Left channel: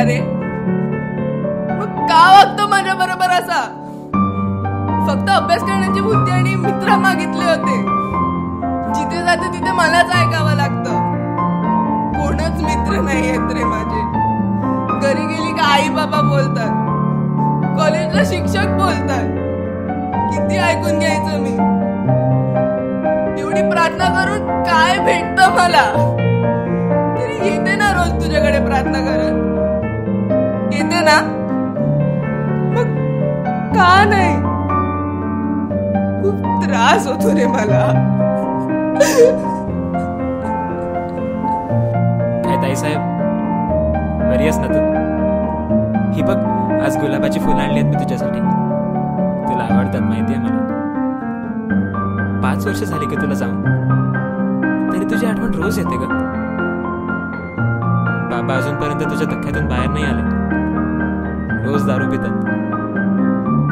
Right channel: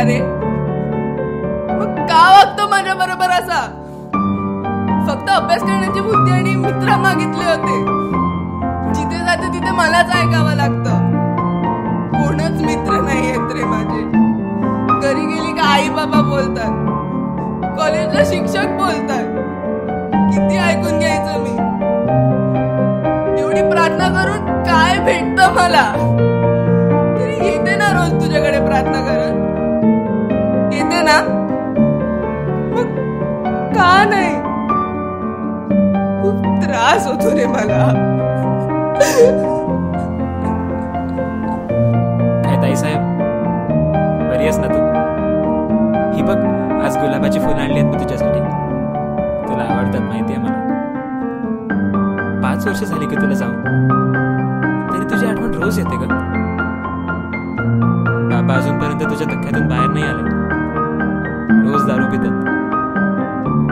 का रे? मग का वागतो माझ्या बरोबर असा? फक्त अभ्यास करण्याची बुद्धी आणि मित्र मागितले होते. जिथे जाते तिथे मलाच ऐकावं लागतं. कोणच मित्र नाही आहेत रे माझे. घरी गेली का आई बाबा बोलतात, कॉलेजला शिक्षक बोलतात. किती ऐकून घ्यायचं मी? एवढी प्रार्थना करून काय भेटतं मला? तरी येते ना रोज तुझ्याकडे प्रार्थना करत, येते ना? मग का नाही? खूप त्रास होतो रे मला. काय ताई साहेब, बरी आहेस ना तू? ही बघ, आज गुलाबाची फुलं आणली आहेत मी तुझ्यासाठी. तुला आवडतात माहिती आहे मला. 5 वर्ष झाली की तुला जाऊन, तरी तुझी आठवण रोज येते ग. बाबा अजूनपर्यंत तुझ्या धक्क्यातून बाहेर नाही आले. रोज दारू पितात,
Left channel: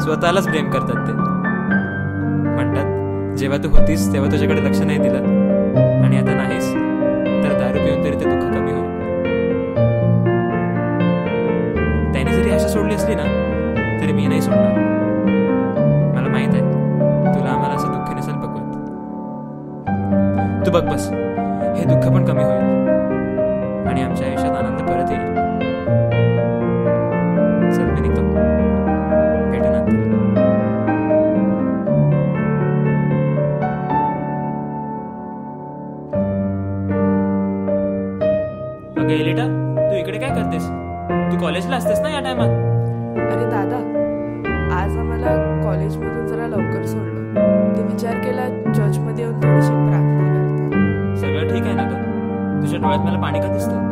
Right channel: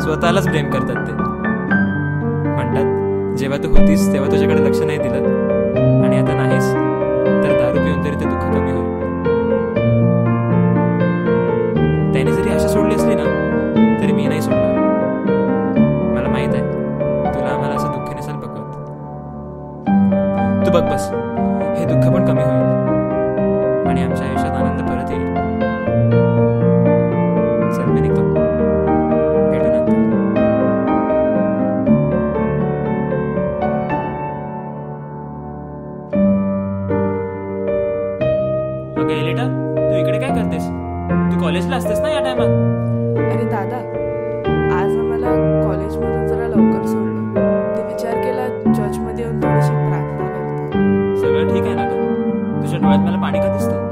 स्वतःलाच ब्लेम करतात. ते म्हणतात जेव्हा तू होतीस तेव्हा तुझ्याकडे लक्ष नाही दिलं, आणि आता नाहीस तर दारू पिऊन तरी ते दुःख कमी होईल. त्याने जरी आशा सोडली असली ना तरी मी नाही सोडणार. मला माहित आहे तुला आम्हाला असं दुःख नसेल बघवत. तू बघ बस, हे दुःख पण कमी होईल आणि आमच्या आयुष्यात आनंद परत येईल. चल मी निघतो, भेटू नंतर. अगं एलिटा, तू इकडे काय करतेस? तू कॉलेजला असतेस ना या टायमात? अरे दादा, आज आम्हाला कॉलेजमधून जरा लवकर सोडलं. ते विचार केला चर्चमध्ये येऊन थोडीशी प्रार्थना करते. सगळं ठीक आहे ना ग? तुझ्या डोळ्यात मला पाणी का दिसतं?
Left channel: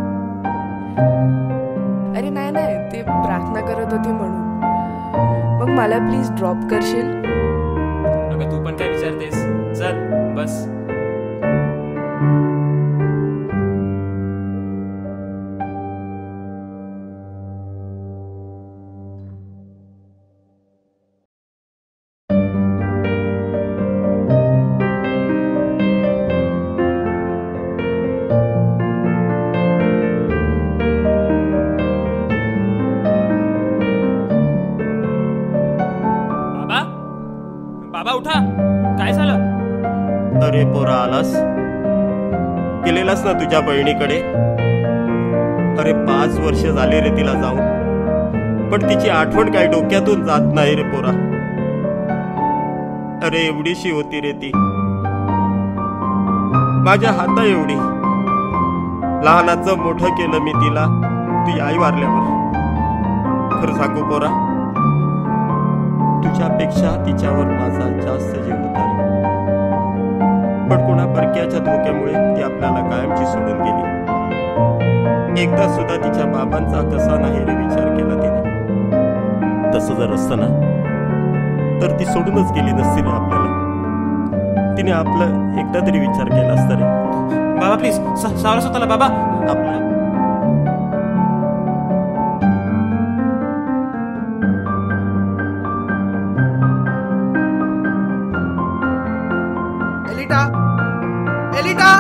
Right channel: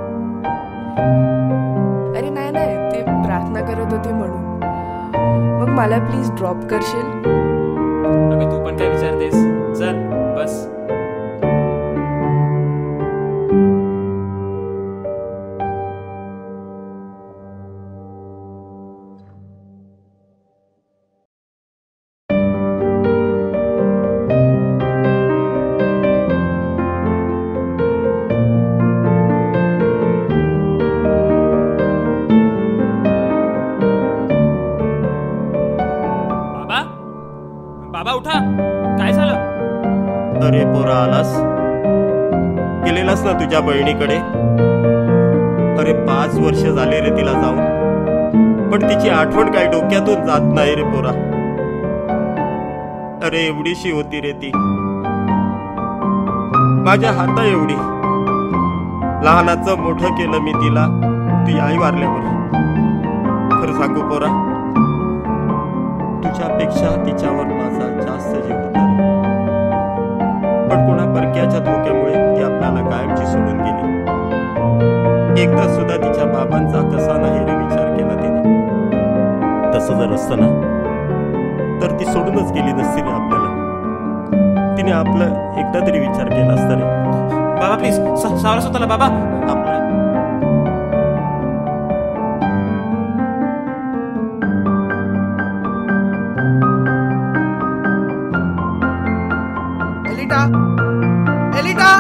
अरे नाही नाही, ते प्रार्थना करत होती म्हणून. मग मला प्लीज ड्रॉप करशील? अगं तू पण काय विचारतेस? चल बस. बाबा उठा, काय झालं? अरे पोरा, आलास? गेलेलास ना तुझ्या बहिणीकडे? अरे 5 वर्ष झाले रे तिला जाऊन, पण तिची आठवण काही डोक्यातून जात नाही रे पोरा. अरे एवढीशी होती रे ती, माझ्या हाता एवढी. लहानाचं मोठं केलं मी तिला, ती आई वारल्यावर. खरं सांगू पोरा, तुझ्यापेक्षा तिच्यावर माझा जास्त जीव होता रे. पण कोणा परक्याच्या धोक्यामुळे ती आपल्याला कायमची सोडून गेली. एकदा सुद्धा तिच्या बाबांचा कसा नाही रे विचार केला तिने. तसं जर असतं ना तर ती सोडूनच गेली नसती रे आपल्याला. तिने आपलं एकदा तरी विचार केला असता रे. बाबा प्लीज सावरा स्वतःला बाबा. आपला एलिटा, एलिटा,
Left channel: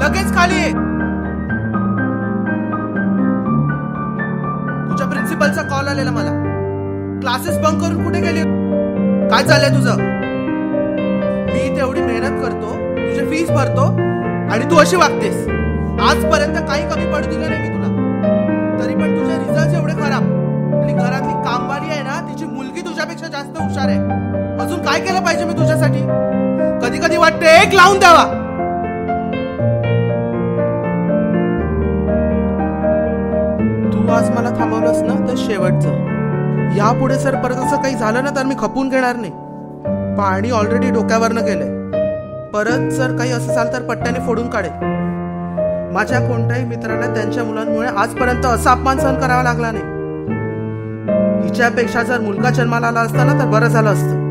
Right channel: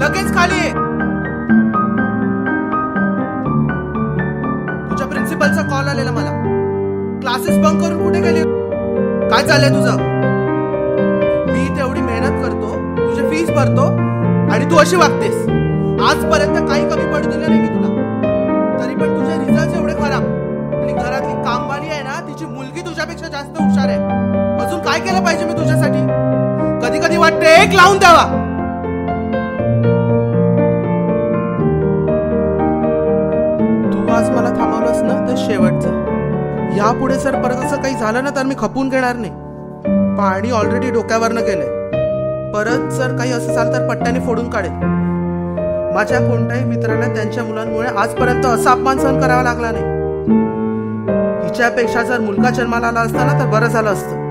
लगेच खाली ये. तुझ्या प्रिन्सिपलचा कॉल आलेला मला. क्लासेस बंक करून कुठे गेली? काय चाललंय तुझं? मी तेवढी मेहनत करतो, तुझे फीस भरतो, आणि तू अशी वागतेस. आजपर्यंत काही कमी पडू दिलं नाही मी तुला, तरी पण तुझे रिझल्ट एवढे खराब. आणि घरातली कामवाली आहे ना, तिची मुलगी तुझ्यापेक्षा जास्त हुशार आहे. अजून काय केलं पाहिजे मी तुझ्यासाठी? कधी कधी वाटते एक लावून द्यावा. तू आज मला थांबवलंस ना तर शेवटचं. यापुढे सर परत असं काही झालं ना तर मी खपून घेणार नाही. पाणी ऑलरेडी डोक्यावरनं गेलंय. परत जर काही असं झालं तर पट्ट्याने फोडून काढेल. माझ्या कोणत्याही मित्राला त्यांच्या मुलांमुळे आजपर्यंत असा अपमान सहन करावा लागला नाही. हिच्यापेक्षा जर मुलगा जन्माला आला असता ना तर बरं झालं असतं.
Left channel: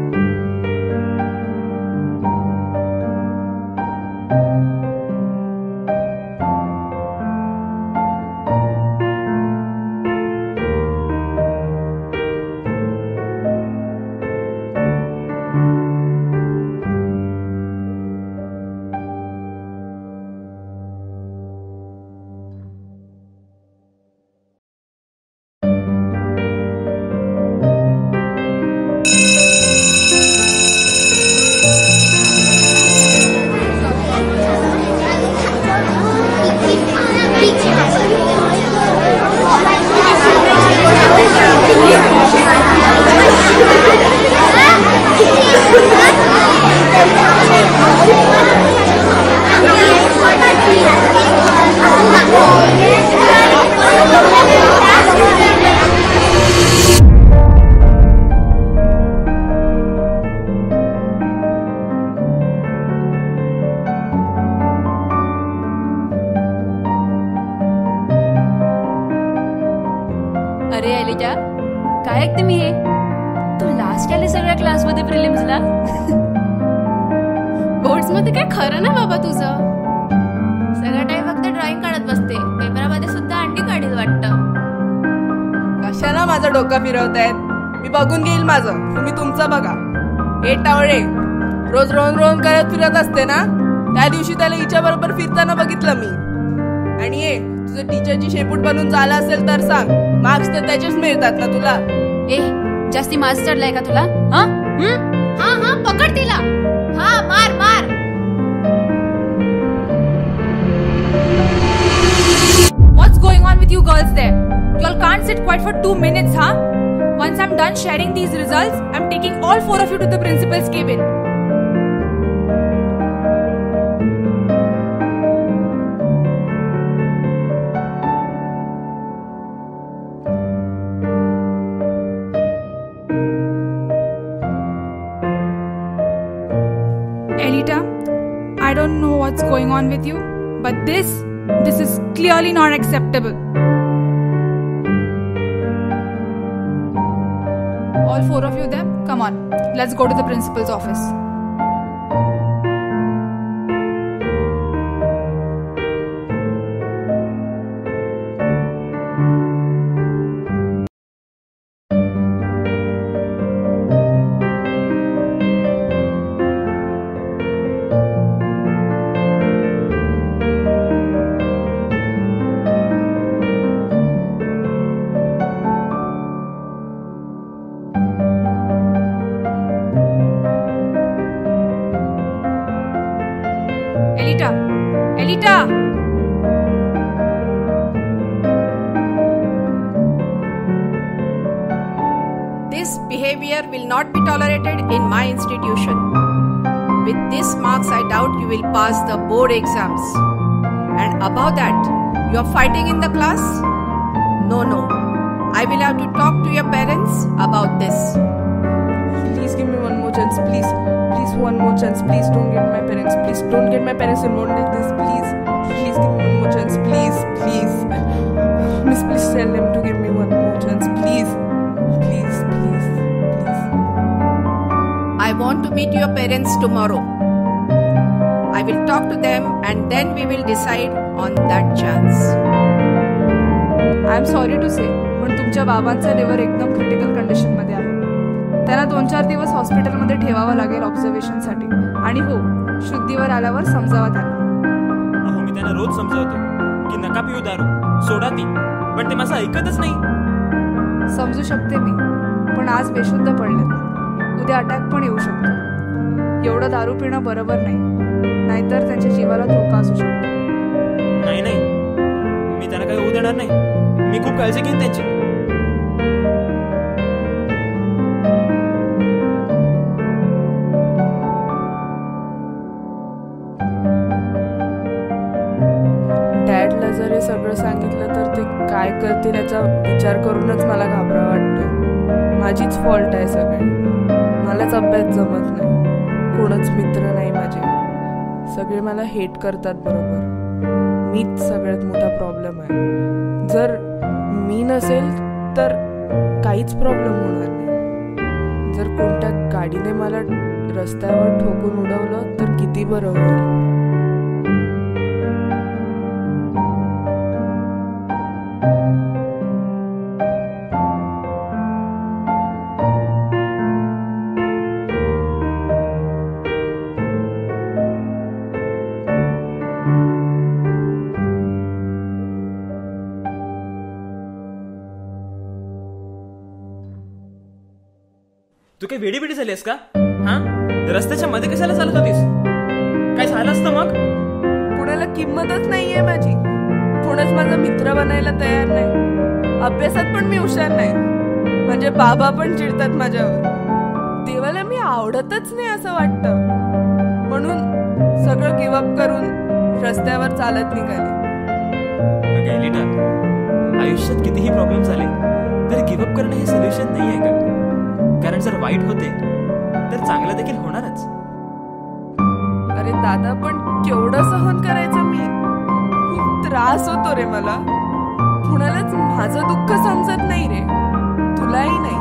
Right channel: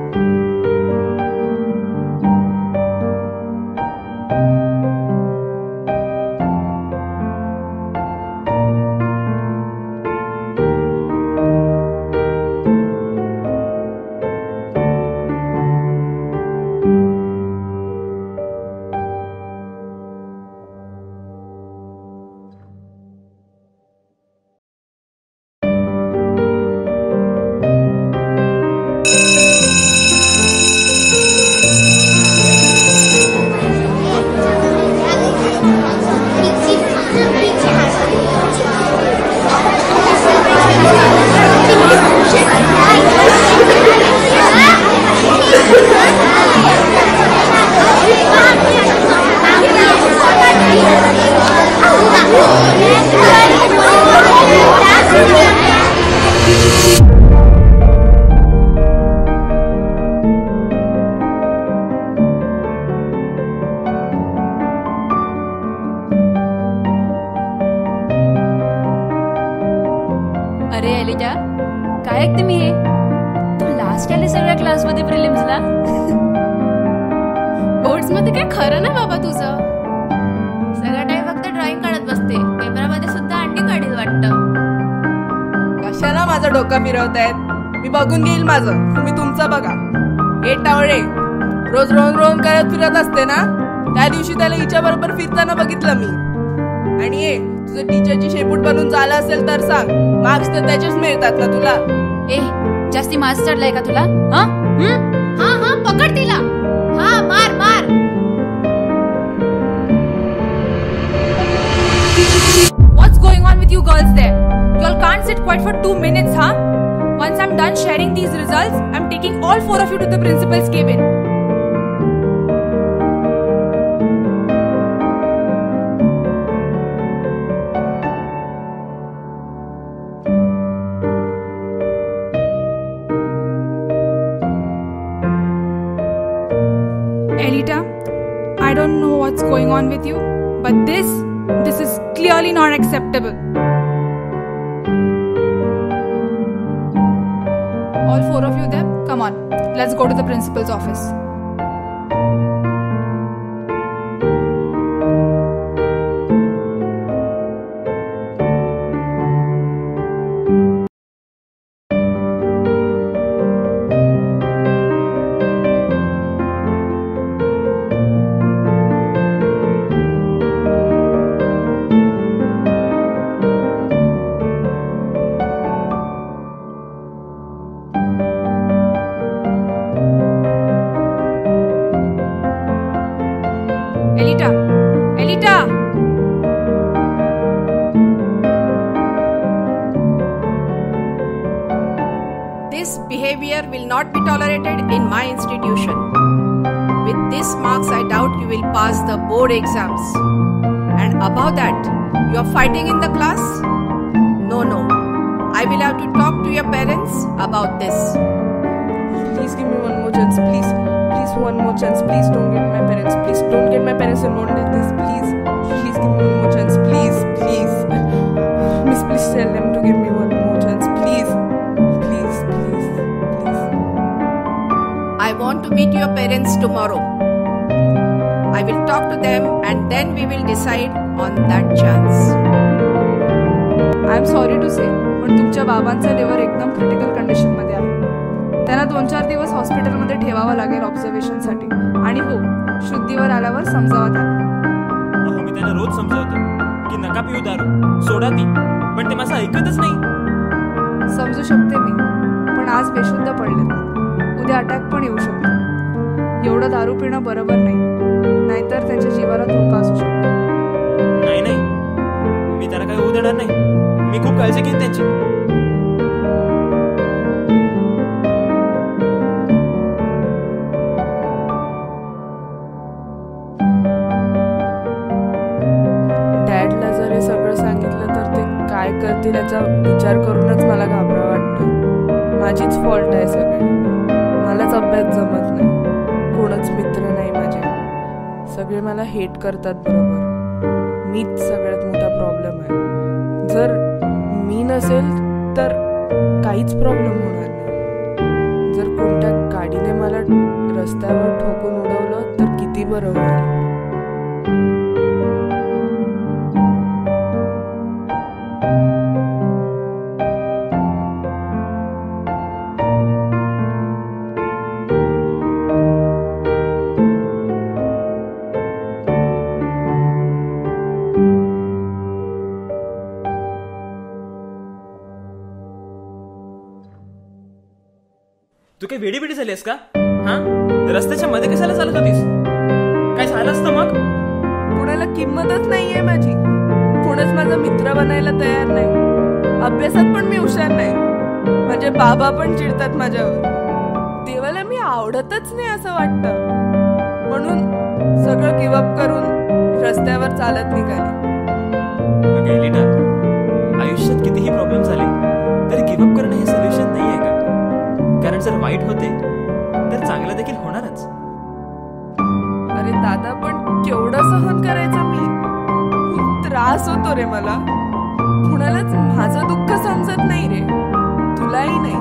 अरे एलिटा, काय ऐकते मी हे? तू लास्ट आले सगळ्या क्लासमध्ये प्रिलिम्सला. बोर्ड्स मध्ये काय खरं ना बाबा तुझं. सगळा टाइम फक्त ड्रॉइंग काढत बसते. पेपरामध्ये सुद्धा अंडी काढील वाटतं. कशाला माझं डोकं फिरवतायत? मी बघून घेईल माझं, तुम्ही तुमचं बघा. ए टावळे, रोज रोन रोन करत फिरत असते ना. त्या दिवशी त्याला हिच्या बरोबर फिरताना बघितलं मी. आणि ये तुझं टीचरची शेपूट बनून झाला असेल तर सांग, मार्क्स तर त्याचेच मिळतात ना तुला. ए, जास्ती मार्क्स चढलाय का तुला? हा हा पकड तिला. हा, मार मार. What's going on with you girls there? You all can't sit quiet for 2 minutes, huh? Once I'm done sharing these results, I'm taking all 4 of you to the principal's cabin. Elita, I don't know what's going on with you, but this is clearly not acceptable. All 4 of you there, come on, let's go to the principal's office. Elita! This behavior will not be tolerated in my institution. With these marks, I doubt you will pass the board exams. And above that, you are fighting in the class? No. I will have to talk to your parents about this. Please give me one more chance, please. Please, one more chance. Please don't get my parents. Please don't get my parents involved in this. Please give me one more chance. Please. Miss, please tell them to give me one more chance. Please. I want to meet your parents tomorrow. I will talk to them and then we will decide on that chance. I am sorry to say, पण तुमच्या बाबांचा liver एकदम critical condition मध्ये आहे. त्यांना 2-4 दिवस हॉस्पिटलमध्ये ठेवावं लागेल ऑब्झर्वेशनसाठी. आणि हो, शुद्धीवर आल्यावर समजावा त्यांना. अहो, मी त्यांना रोज समजावतो की नका पिऊ दारू, सोडा ती, पण ते माझं ऐकतच नाही. समजू शकते मी, पण आज बेशुद्ध पडलेत. उद्या अटॅक पण येऊ शकतो. एवढं दारू पिणं बरोबर नाही, नाहीतर त्यांच्या जीवाला धोका असू शकतो. नाही, मी त्यांना काही होऊ देणार नाही. मी खूप काळजी घेईन त्यांची. डॅडला जर हे सगळं सांगितलं तर ते काय करतील याचा विचार करूनच मला घाबरा वाटतोय. माझीच फॉल्ट आहे सगळी. मलाच अभ्यास जमत नाही, कोणच मित्र नाही माझे. सगळे मला हेट करतात. बरोबर, मीच सगळ्यात मोठा प्रॉब्लेम आहे. जर मी नसेल तर काहीच प्रॉब्लेम होणार नाही. जर कोणत्या गाडीने मला रस्त्यावर ठोकून उडवलं तर किती बरं होईल. तू काही वेडी झालीस का? हा, रस्त्याच्या मध्ये कशाला चालत होतीस? काय झालं असतं मग? पुण्याला किंमतच नाहीये माझी. पुणेच माझा मित्र बनायला तयार नाही. अभ्यासात पण मी हुशार नाही. माझे बाबा पण चिडतात माझ्यावर. देवाला मी आवडतच नाही असं वाटतं. म्हणून सगळं गिव्हअप करून रस्त्यावर चालत निघाली. अगं एलिटा, आयुष्यात कितीही प्रॉब्लेम झाले तरी गिव्हअप करणं हे सोल्युशन नाही आहे का? कारण जर वाईट होते तर चांगलं देखील होणारच. अरे दादा, पण केवढं सहन करायचं मी. खूप त्रास होतो रे मला. कुणालाच माझं दुःख समजत नाही रे. काही नाही.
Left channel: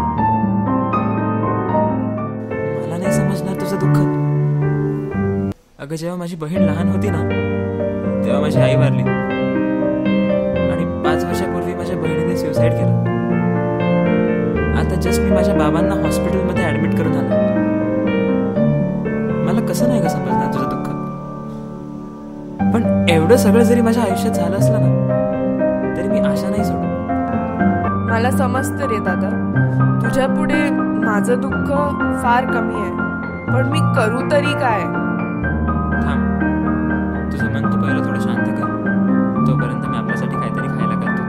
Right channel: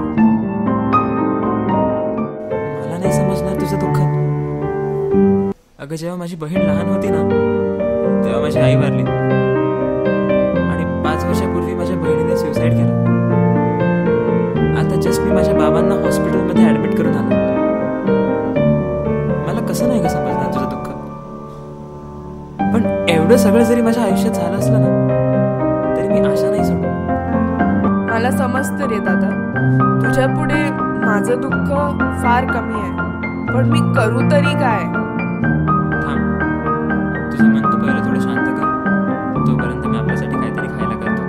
मला नाही समजणार तुझं दुःख. अगं जेव्हा माझी बहीण लहान होती ना तेव्हा माझी आई वारली आणि 5 वर्षापूर्वी माझ्या बहिणीने सुसाईड केलं. आता जस्ट मी माझ्या बाबांना हॉस्पिटलमध्ये ऍडमिट करून आलो. मला कसं नाही का समजणार तुझं दुःख. पण एवढं सगळं जरी माझ्या आयुष्यात झालं असलं ना तरी मी आशा नाही सोडत. मला समजतं रे दादा, तुझ्या पुढे माझं दुःख फार कमी आहे, पण मी करू तरी काय. थांब, तुझं मन तू पहिलं थोडं शांत कर. तोपर्यंत मी आपल्यासाठी काहीतरी खायला करतो.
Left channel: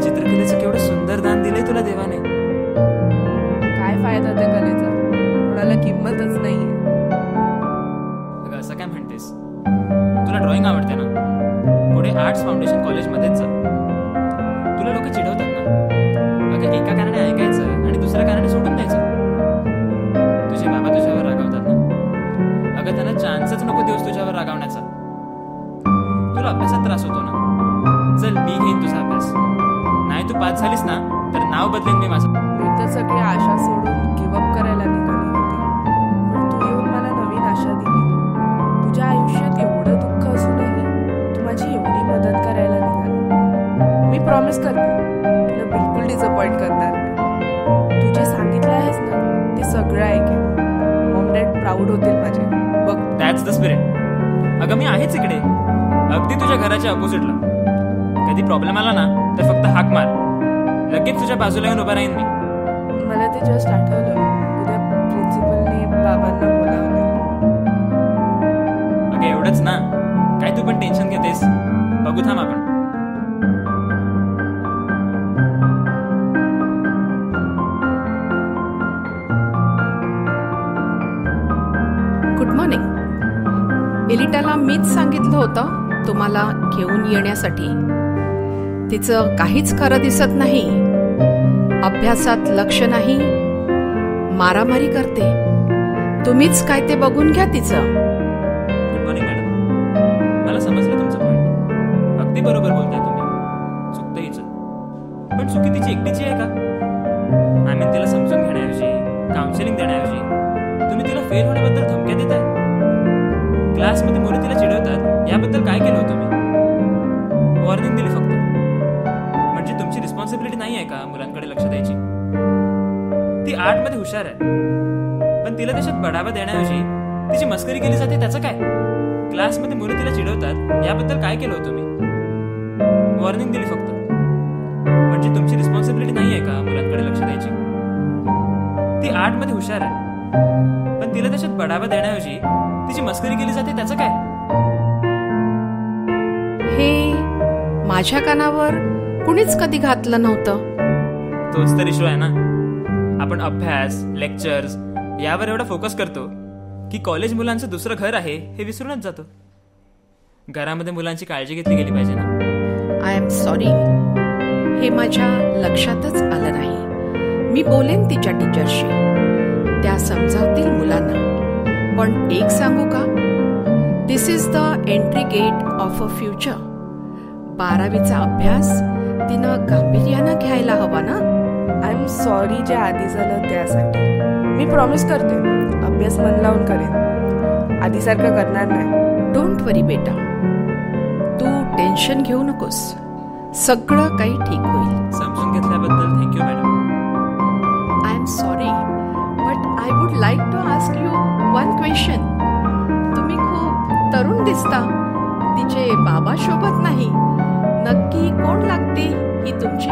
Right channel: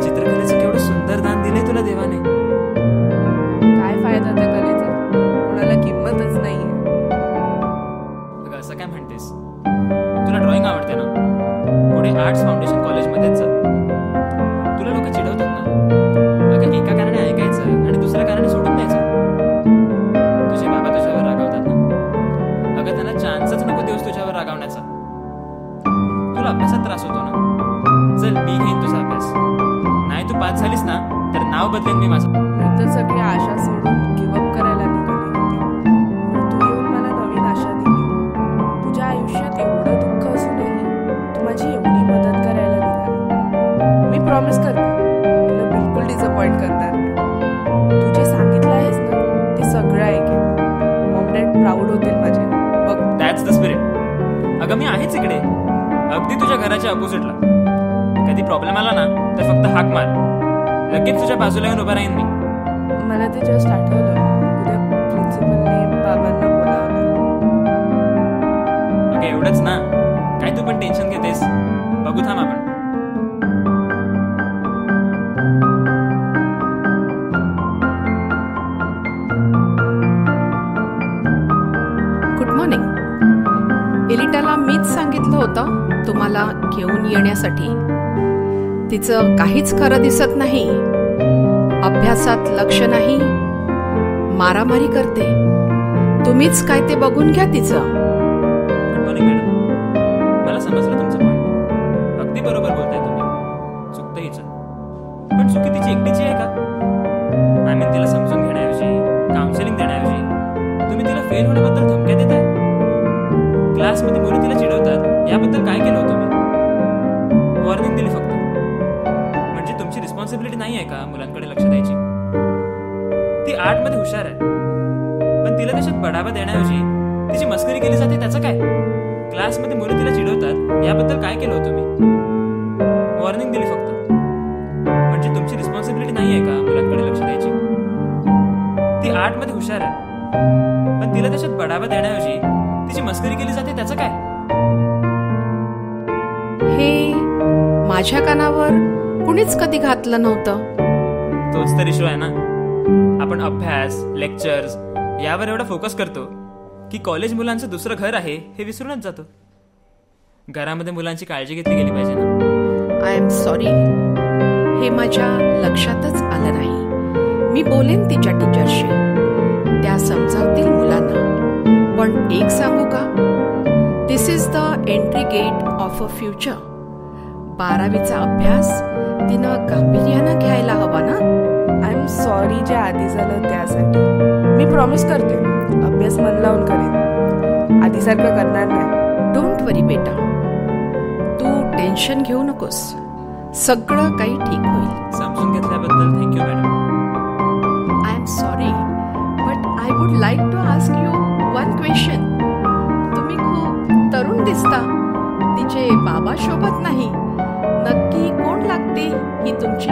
चित्रकलेचं केवढं सुंदर दान दिलंय तुला देवाने. काय फायदा त्या कलेचा, कोणाला किंमतच नाहीये. अगं असं काय म्हणतेस? तुला ड्रॉइंग आवडते ना, पुढे आर्ट्स फाउंडेशन कॉलेजमध्येच जा. तुला लोक चिडवतात ना, अगं एका कारणाने ऐकायचं आणि दुसऱ्या कारणाने सोडून द्यायचं. तुझे बाबा तुझ्यावर रागावतात ना, अगं त्यांना चान्सच नको देऊस तुझ्यावर रागावण्याचा. तुला अभ्यासात त्रास होतो ना, चल मी घेईन तुझा अभ्यास. नाही तू पास झालीस ना तर नाव बदलेन मी माझं. मी तर सगळी आशा सोडून गिव्हअप करायला निघाली होती, पण तू येऊन मला नवीन आशा दिली. तुझ्या आयुष्यात एवढं दुःख असूनही तू माझी एवढी मदत करायला निघाली. मी प्रॉमिस करते तुला बिलकुल डिसअपॉइंट करणार नाही. तू जे सांगितलं आहेस ना ते सगळं ऐकेन. मॉम डॅड प्राऊड होतील माझे. बघ, दॅट्स द स्पिरिट. अगं मी आहेच इकडे, अगदी तुझ्या घराच्या अपोजिटला. कधी प्रॉब्लेम आला ना तर फक्त हाक मार, लगेच तुझ्या बाजूला येऊन उभा राहीन मी. मला ते जस्ट आठवलं, उद्या प्रिन्सिपलने बाबांना बोलावलंय. अगं एवढंच ना, काय तू पण टेन्शन घेतेस? बघू थांब आपण. Good morning. एलिटाला मीच सांगितलं होतं तुम्हाला घेऊन येण्यासाठी. तिचं काहीच खरं दिसत नाही, अभ्यासात लक्ष नाही, मारामारी करते. तुम्हीच काय ते बघून घ्या तिचं. गुड मॉर्निंग मॅडम, मला समजलं तुमचं पॉइंट. अगदी बरोबर बोलताय तुम्ही. चुकतं हिचं, पण चुकी तिची एकटीची आहे का? आय मीन तिला समजून घेण्याऐवजी, काउन्सिलिंग देण्याऐवजी तुम्ही तिला फेल होण्याबद्दल धमक्या देताय. क्लासमध्ये मुलं तिला चिडवतात, याबद्दल काय केलं होतं तुम्ही? वॉर्निंग दिली फक्त. म्हणजे तुमची रिस्पॉन्सिबिलिटी नाही आहे का मुलांकडे लक्ष द्यायची? ती आर्टमध्ये हुशार आहे, पण तिला त्याच्यात बढावा देण्याऐवजी तिची मस्करी केली जाते. त्याचं काय? क्लासमध्ये मुलं तिला चिडवतात, याबद्दल काय केलं होतं मी? वॉर्निंग दिली फक्त. म्हणजे तुमची रिस्पॉन्सिबिलिटी नाही आहे का मुलांकडे लक्ष द्यायची? ती आर्टमध्ये हुशार आहे, पण तिला त्याच्यात बढावा देण्याऐवजी तिची मस्करी केली जाते. त्याचं काय? हे माझ्या कानावर कुणीच कधी घातलं नव्हतं. तोच तर इशू आहे ना. आपण अभ्यास, लेक्चर्स यावर एवढा फोकस करतो की कॉलेज मुलांचं दुसरं घर आहे हे विसरूनच जातो. घरामध्ये मुलांची काळजी घेतली गेली पाहिजे ना. आय एम सॉरी, हे माझ्या लक्षातच आलं नाही. मी बोलेन तिच्या टीचरशी, त्या समजावतील मुलांना. पण एक सांगू का, this is the entry gate of a future. 12वीचा अभ्यास तिनं गांभीर्यानं घ्यायला हवा ना. आय एम सॉरी जे आधी झालं त्यासाठी. मी प्रॉमिस करते अभ्यास मन लावून करेन, आधीसारखं करणार नाही. डोंट वरी बेटा, तू टेन्शन घेऊ नकोस, सगळं काही ठीक होईल. समजून घेतल्याबद्दल thank you madam. I am sorry but I would like to ask you one question. तुम्ही खूप तरुण दिसता, तिचे बाबा शोभत नाही. नक्की कोण लागते ही तुमची?